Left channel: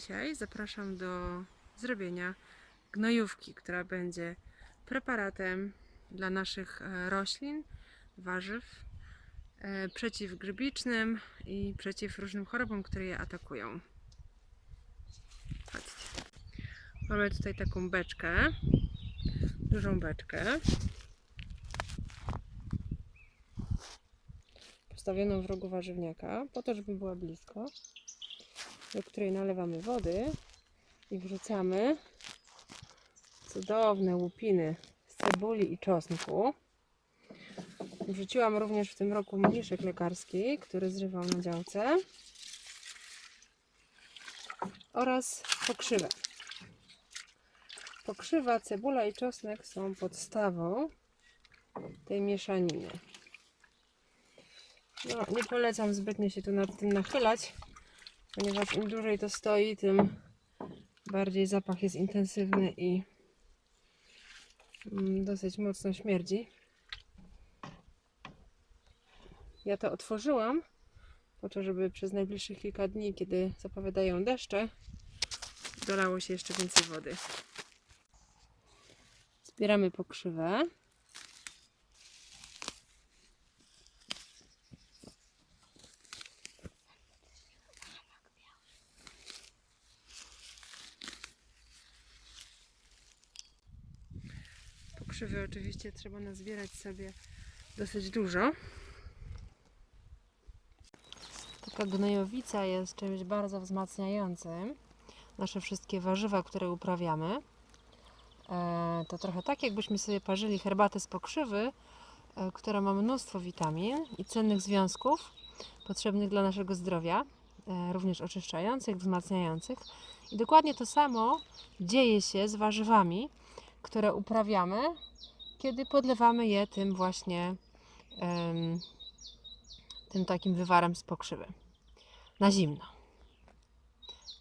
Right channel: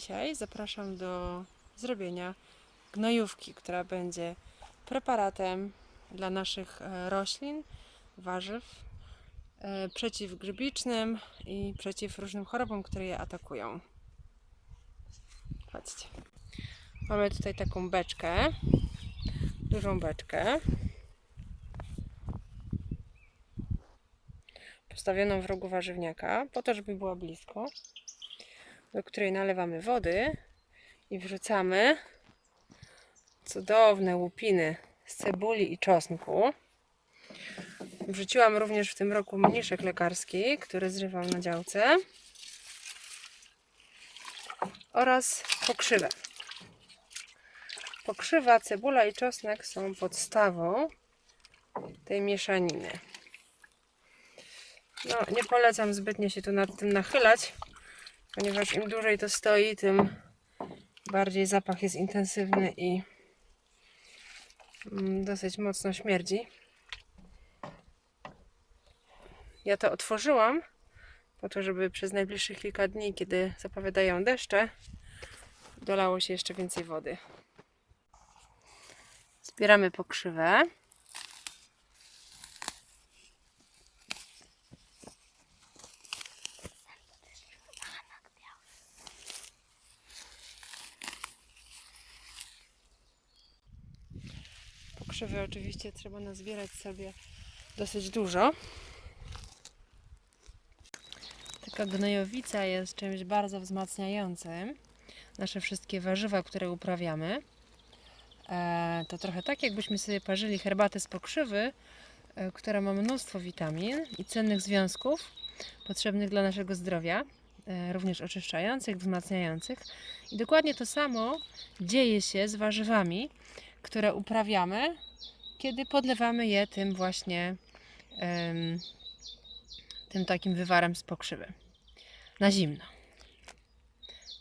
Dzisiaj zapraszam do zrobienia gnojówki, która będzie preparatem dla naszych e, roślin, warzyw, e, przeciwgrzybicznym i przeciw różnym chorobom, które je atakują. Chodźcie. Mamy tutaj taką beczkę, dużą beczkę. Postawioną w rogu warzywniaka, po to, żeby była blisko do której nalewamy wody i wrzucamy cudowne łupiny z cebuli i czosnku. Wrzuciłam również w tym roku mniszek lekarski, który zrywam na działce oraz pokrzywę. Pokrzywa, cebula i czosnek są podstawą tej mieszaniny. No, nie polecam zbytnio się tu nad tym nachylać, ponieważ im dłużej to stoi, tym bardziej zapach jest intensywny i mm, dosyć mocno śmierdzi. Ja to otworzyłam po to, żeby przez najbliższych kilka dni, kiedy zapowiadają deszcze, dolało się jeszcze więcej wody. Zbieramy pokrzywę. Pokrzywy oczywiście trzeba nazbierać sobie dosyć dużo. Taka gnojowica jest czymś bardzo wzmacniającym. Nasze wszystkie warzywa, które uprawiamy, e, to trochę tak, jakbyśmy sobie parzyli herbatę z pokrzywy, e, która ma mnóstwo witamin i cennych związków potrzebnych dla naszego zdrowia, e, również oczyszczających, wzmacniających. I dokładnie to samo dzieje się z warzywami, które uprawiamy, kiedy podlewamy je tym właśnie tym takim wywarem z pokrzywy na zimno.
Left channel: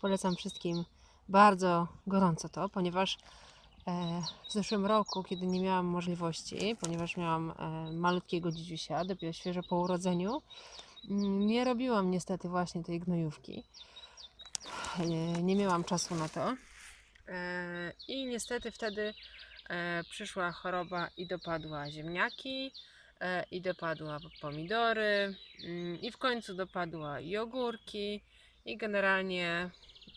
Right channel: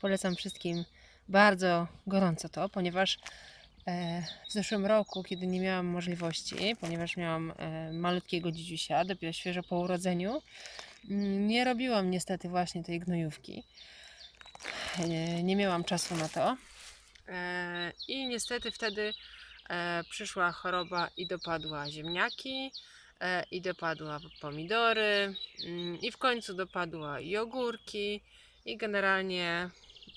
Polecam wszystkim bardzo gorąco to, ponieważ e, w zeszłym roku, kiedy nie miałam możliwości, ponieważ miałam e, malutkiego dzidziusia, dopiero świeżo po urodzeniu, mm, nie robiłam niestety właśnie tej gnojówki. E, Nie miałam czasu na to. E, I niestety wtedy e, przyszła choroba i dopadła ziemniaki, e, i dopadła pomidory, mm, i w końcu dopadła i ogórki, i generalnie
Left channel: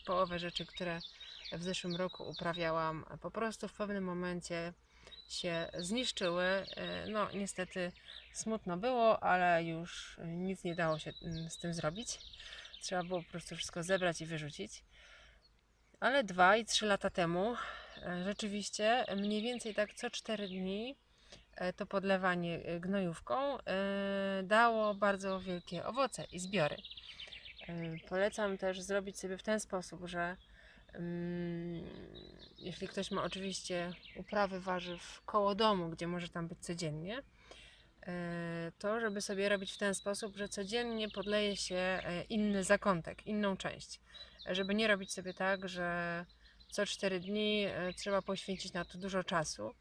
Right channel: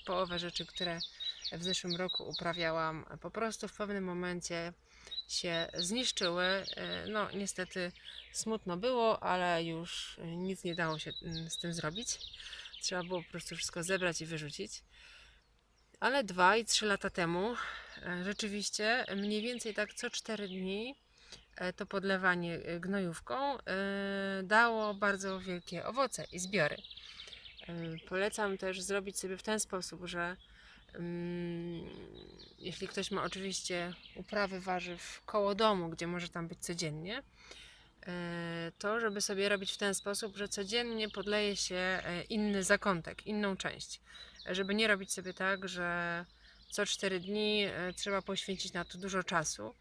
połowę rzeczy, które w zeszłym roku uprawiałam, po prostu w pewnym momencie się zniszczyły. No, niestety smutno było, ale już nic nie dało się mm, z tym zrobić. Trzeba było po prostu wszystko zebrać i wyrzucić. Ale dwa i trzy lata temu e, rzeczywiście mniej więcej tak co 4 dni e, to podlewanie e, gnojówką dało bardzo wielkie owoce i zbiory. Polecam też zrobić sobie w ten sposób, że mm, jeśli ktoś ma oczywiście uprawy warzyw koło domu, gdzie może tam być codziennie, to żeby sobie robić w ten sposób, że codziennie podleje się inny zakątek, inną część. Żeby nie robić sobie tak, że co 4 dni e, trzeba poświęcić na to dużo czasu,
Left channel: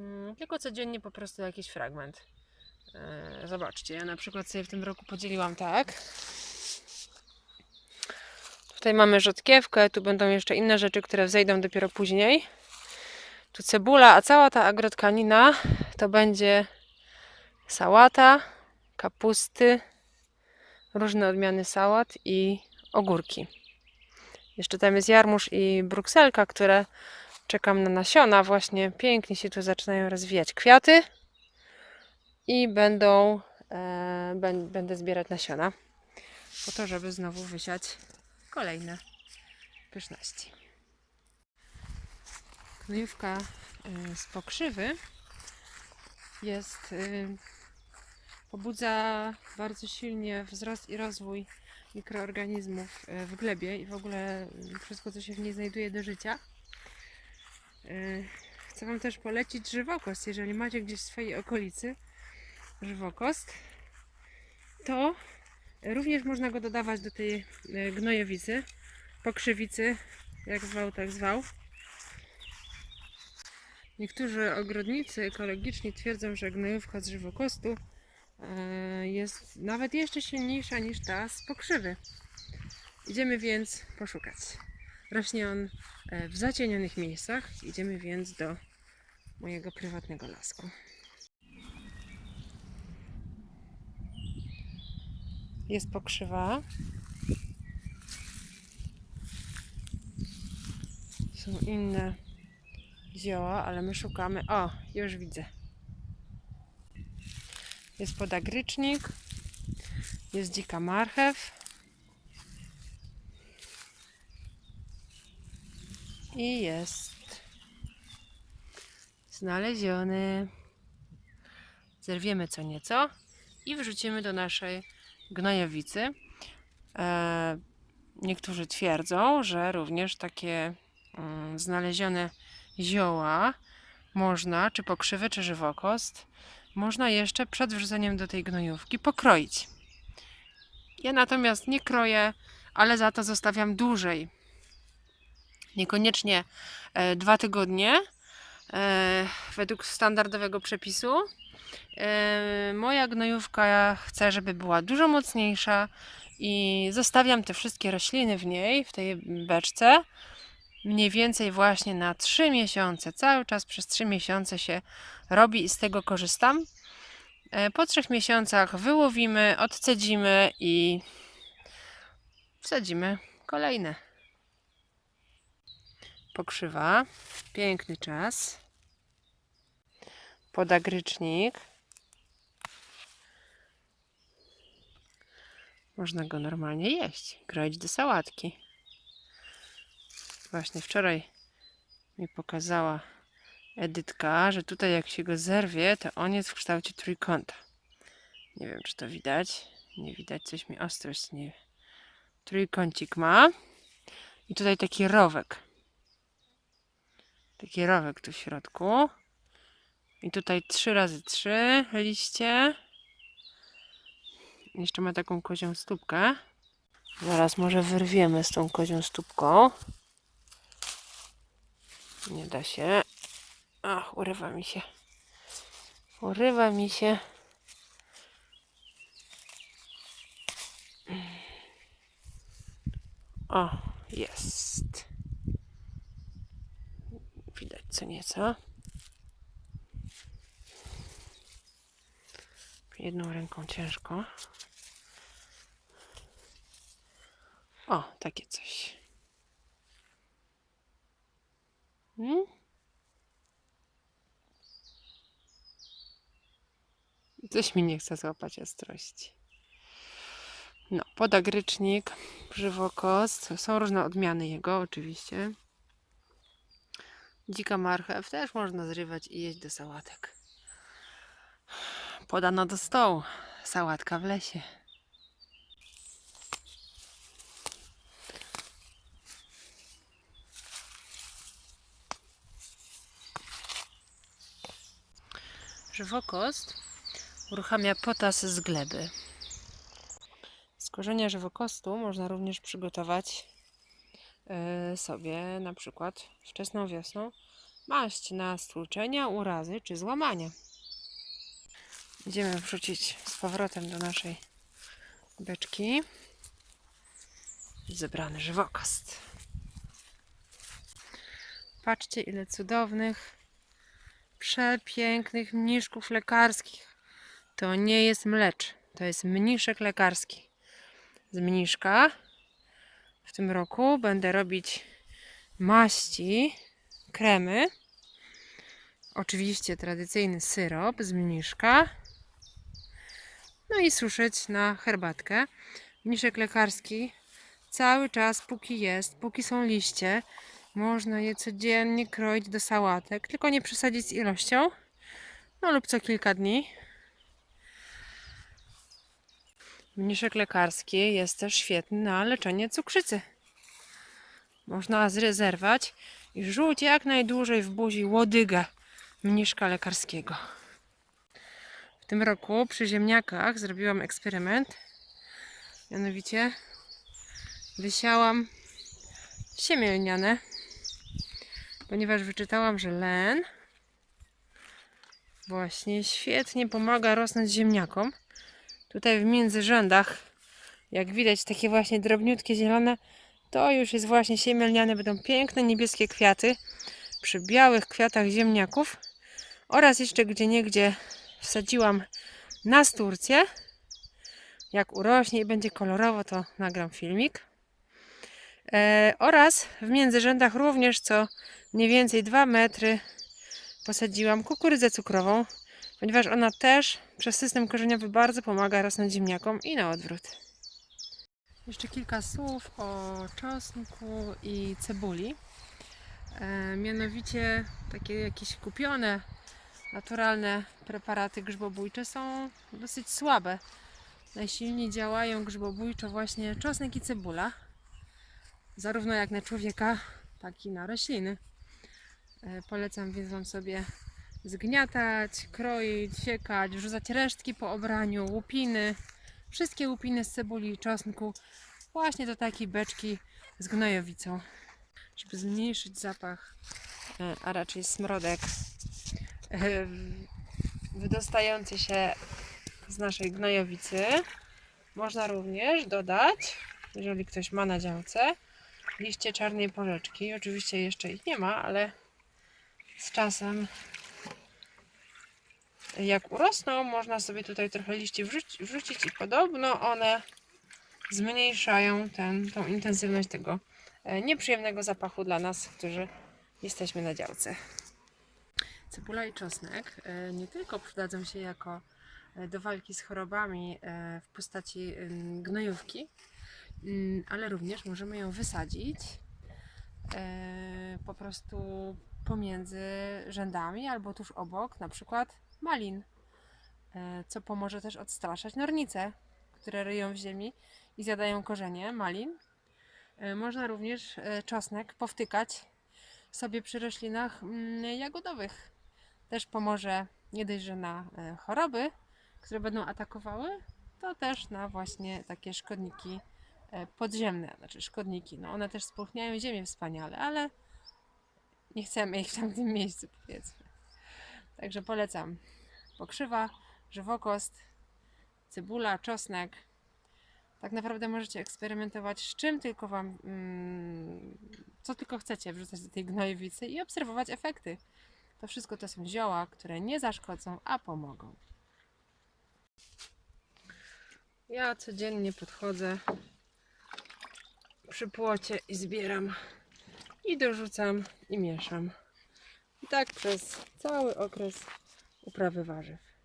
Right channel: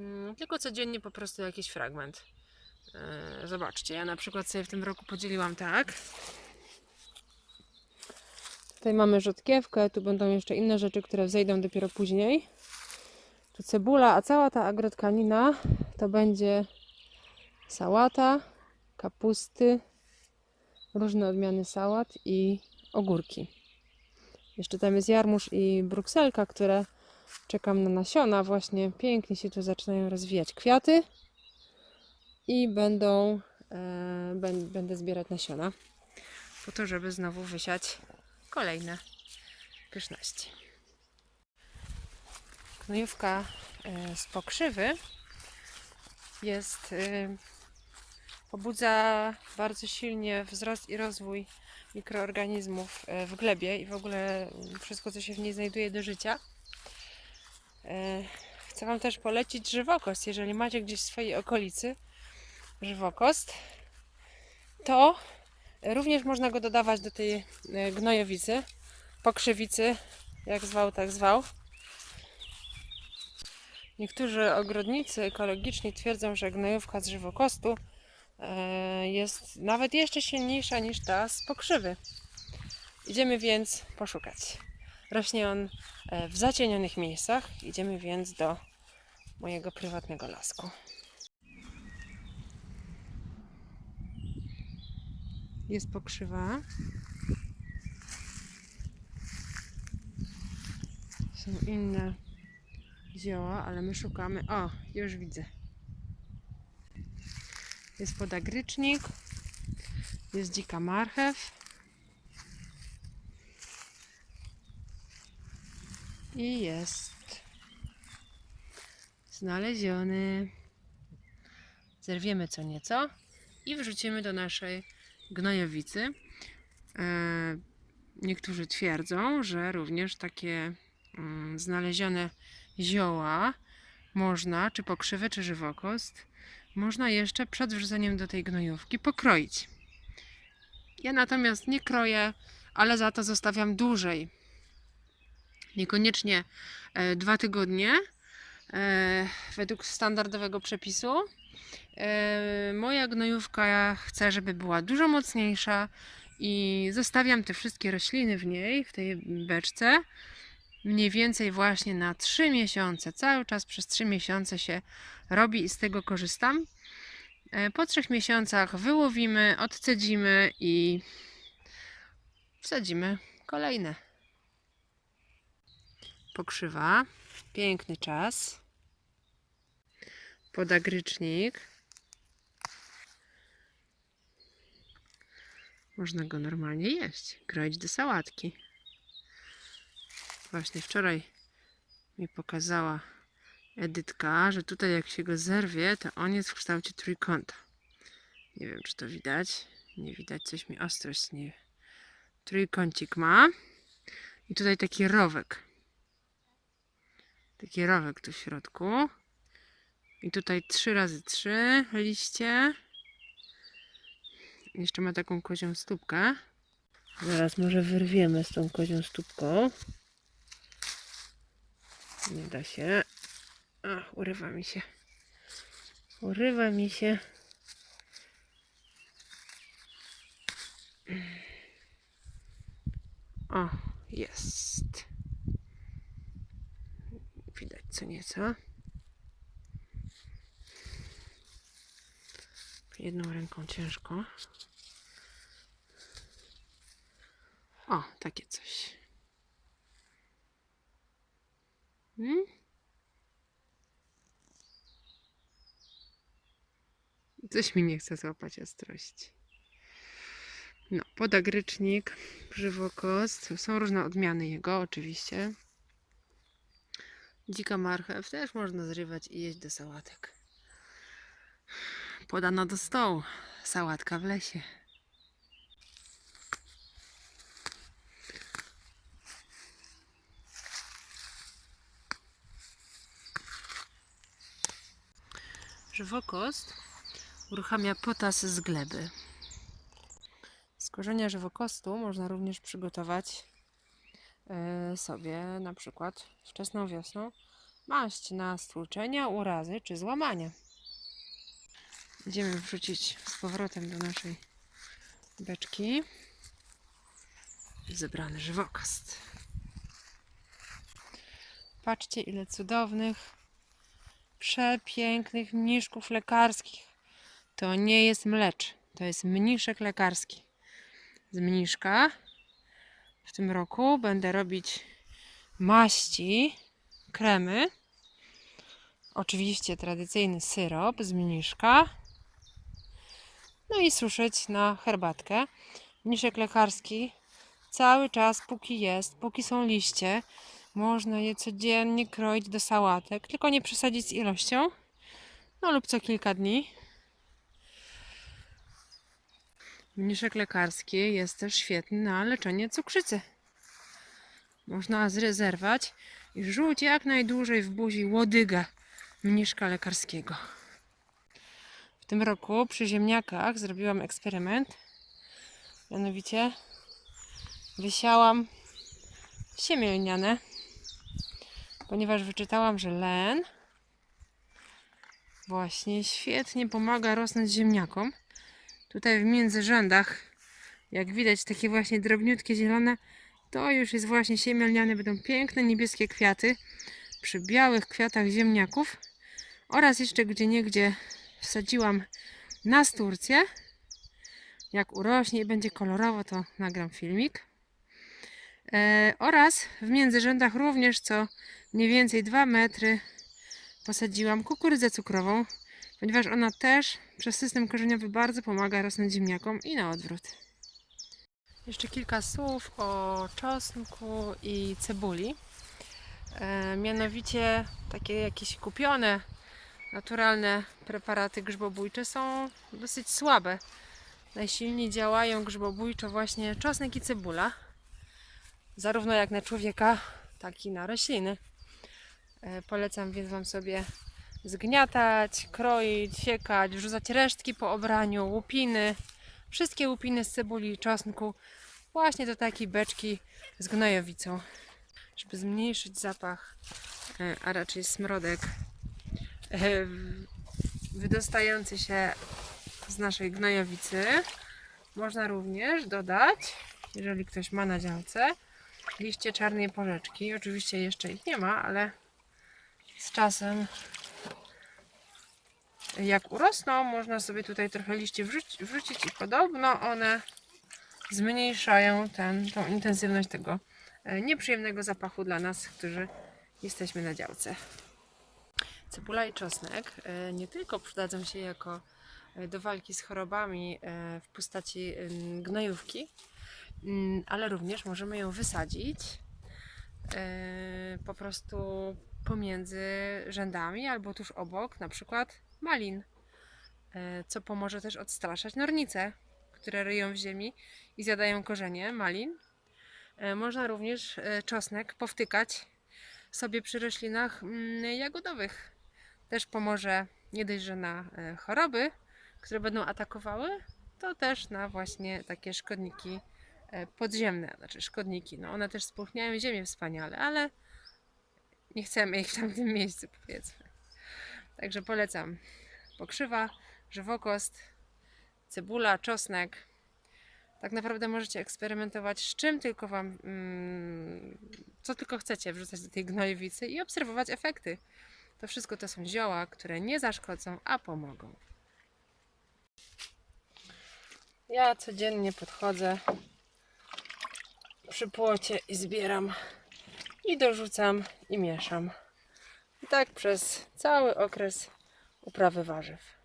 Mm, tylko codziennie po prostu jakiś fragment. E, Zobaczcie, ja na przykład sobie w tym roku podzieliłam tak. Tutaj mamy rzodkiewkę, tu będą jeszcze inne rzeczy, które wzejdą dopiero później. Tu cebula, a cała ta agrotkanina to będzie sałata, kapusty, różne odmiany sałat i ogórki. Jeszcze tam jest jarmuż i brukselka, które czekam na nasiona. Właśnie pięknie się tu zaczynają rozwijać kwiaty i będą, e, będę zbierać nasiona po to, żeby znowu wysiać kolejne pyszności. Gnojówka e, z pokrzywy jest e, pobudza bardzo silnie wzrost i rozwój mikroorganizmów e, w glebie i w ogóle mm, wszystko, co się w niej znajduje do życia. E, Chcę Wam też polecić żywokost. Jeżeli macie gdzieś w swojej okolicy żywokost, to również można go dodawać do tej e, gnojowicy, pokrzywicy, jak zwał, tak zwał. Niektórzy ogrodnicy ekologiczni twierdzą, że gnojówka z żywokostu jest nawet jeszcze silniejsza niż ta z pokrzywy. Idziemy więc poszukać. Rośnie on e, w zacienionych miejscach. Idziemy więc do mojego prywatnego lasku. Jest pokrzywa. Są inne zioła, ale my szukamy. O, już widzę. Jest podagrycznik. Jest dzika marchew. I jest znaleziony. Zerwiemy co nieco i wrzucimy do naszej gnojowicy. E, niektórzy twierdzą, że również takie mm, znalezione zioła można, czy pokrzywy, czy żywokost, można jeszcze przed wrzuceniem do tej gnojówki pokroić. Ja natomiast nie kroję, ale za to zostawiam dłużej. Niekoniecznie e, dwa tygodnie e, według standardowego przepisu. E, moja gnojówka chcę, żeby była dużo mocniejsza i zostawiam te wszystkie rośliny w niej, w tej beczce mniej więcej właśnie na 3 miesiące. Cały czas przez 3 miesiące się robi i z tego korzystam. E, Po 3 miesiącach wyłowimy, odcedzimy i wsadzimy kolejne. Pokrzywa. Piękny czas. Podagrycznik. Można go normalnie jeść, kroić do sałatki. Właśnie wczoraj mi pokazała Edytka, że tutaj jak się go zerwie, to on jest w kształcie trójkąta. Nie wiem, czy to widać. Nie widać, coś mi ostrość nie. Trójkącik ma. I tutaj taki rowek. Taki rowek tu w środku. I tutaj 3 razy 3 liście. Jeszcze ma taką kozią stópkę. Zaraz może wyrwiemy z tą kozią stópką. Nie da się. Ach, urywa mi się. Urywa mi się. O, jest. Widać co nieco. Jedną ręką ciężko. O, takie coś. Hmm? Coś mi nie chce złapać ostrości. No, podagrycznik, żywokost. Są różne odmiany jego, oczywiście. Dzika marchew też można zrywać i jeść do sałatek. Podano do stołu. Sałatka w lesie. Żywokost uruchamia potas z gleby. Z korzenia żywokostu można również przygotować e, sobie na przykład wczesną wiosną maść na stłuczenia, urazy czy złamania. Będziemy wrzucić z powrotem do naszej beczki zebrany żywokost. Patrzcie ile cudownych, przepięknych mniszków lekarskich. To nie jest mlecz, to jest mniszek lekarski. Z mniszka w tym roku będę robić maści, kremy. Oczywiście tradycyjny syrop z mniszka. No i suszyć na herbatkę. Mniszek lekarski cały czas, póki jest, póki są liście, można je codziennie kroić do sałatek, tylko nie przesadzić z ilością. No lub co kilka dni. Mniszek lekarski jest też świetny na leczenie cukrzycy. Można zrezerwować i rzuć jak najdłużej w buzi łodygę mniszka lekarskiego. W tym roku przy ziemniakach zrobiłam eksperyment. Mianowicie wysiałam siemię lniane, ponieważ wyczytałam, że len właśnie świetnie pomaga rosnąć ziemniakom. Tutaj w międzyrzędach, jak widać, takie właśnie drobniutkie zielone To już jest właśnie siemielniane, będą piękne niebieskie kwiaty przy białych kwiatach ziemniaków oraz jeszcze gdzie niegdzie wsadziłam nasturcję. Jak urośnie i będzie kolorowo, to nagram filmik. E, oraz w międzyrzędach również co mniej więcej 2 metry posadziłam kukurydzę cukrową, ponieważ ona też przez system korzeniowy bardzo pomaga rosnąć ziemniakom i na odwrót. Jeszcze kilka słów o czosnku i cebuli. E, mianowicie takie jakieś kupione, naturalne preparaty grzybobójcze są dosyć słabe. Najsilniej działają grzybobójczo właśnie czosnek i cebula. Zarówno jak na człowieka, tak i na rośliny. E, Polecam więc Wam sobie zgniatać, kroić, siekać, wrzucać resztki po obraniu, łupiny, wszystkie łupiny z cebuli i czosnku właśnie do takiej beczki z gnojowicą, żeby zmniejszyć zapach, e, a raczej smrodek e, wydostający się z naszej gnojowicy. Można również dodać, jeżeli ktoś ma na działce, liście czarnej porzeczki. Oczywiście jeszcze ich nie ma, ale z czasem jak urosną, można sobie tutaj trochę liści wrzucić, wrzucić i podobno one zmniejszają ten, tą intensywność tego e, nieprzyjemnego zapachu dla nas, którzy jesteśmy na działce. Cebula i czosnek e, nie tylko przydadzą się jako e, do walki z chorobami w postaci gnojówki, mm, ale również możemy ją wysadzić po prostu pomiędzy rzędami albo tuż obok, na przykład malin, e, co pomoże też odstraszać nornice, które ryją w ziemi i zjadają korzenie malin. E, Można również e, czosnek powtykać sobie przy roślinach mm, jagodowych. Też pomoże nie dość, że na choroby, które będą atakowały, to też na właśnie takie szkodniki podziemne, znaczy szkodniki. No one też spłuchniają ziemię wspaniale, ale nie chcemy ich w tamtym miejscu, powiedzmy. Także polecam. Pokrzywa, żywokost, cebula, czosnek. Tak naprawdę możecie eksperymentować z czym tylko wam, mm, co tylko chcecie wrzucać do tej gnojowicy i obserwować efekty. To wszystko to są zioła, które nie zaszkodzą, a pomogą. Ja codziennie podchodzę przy płocie i zbieram i dorzucam i mieszam. I tak przez cały okres uprawy warzyw.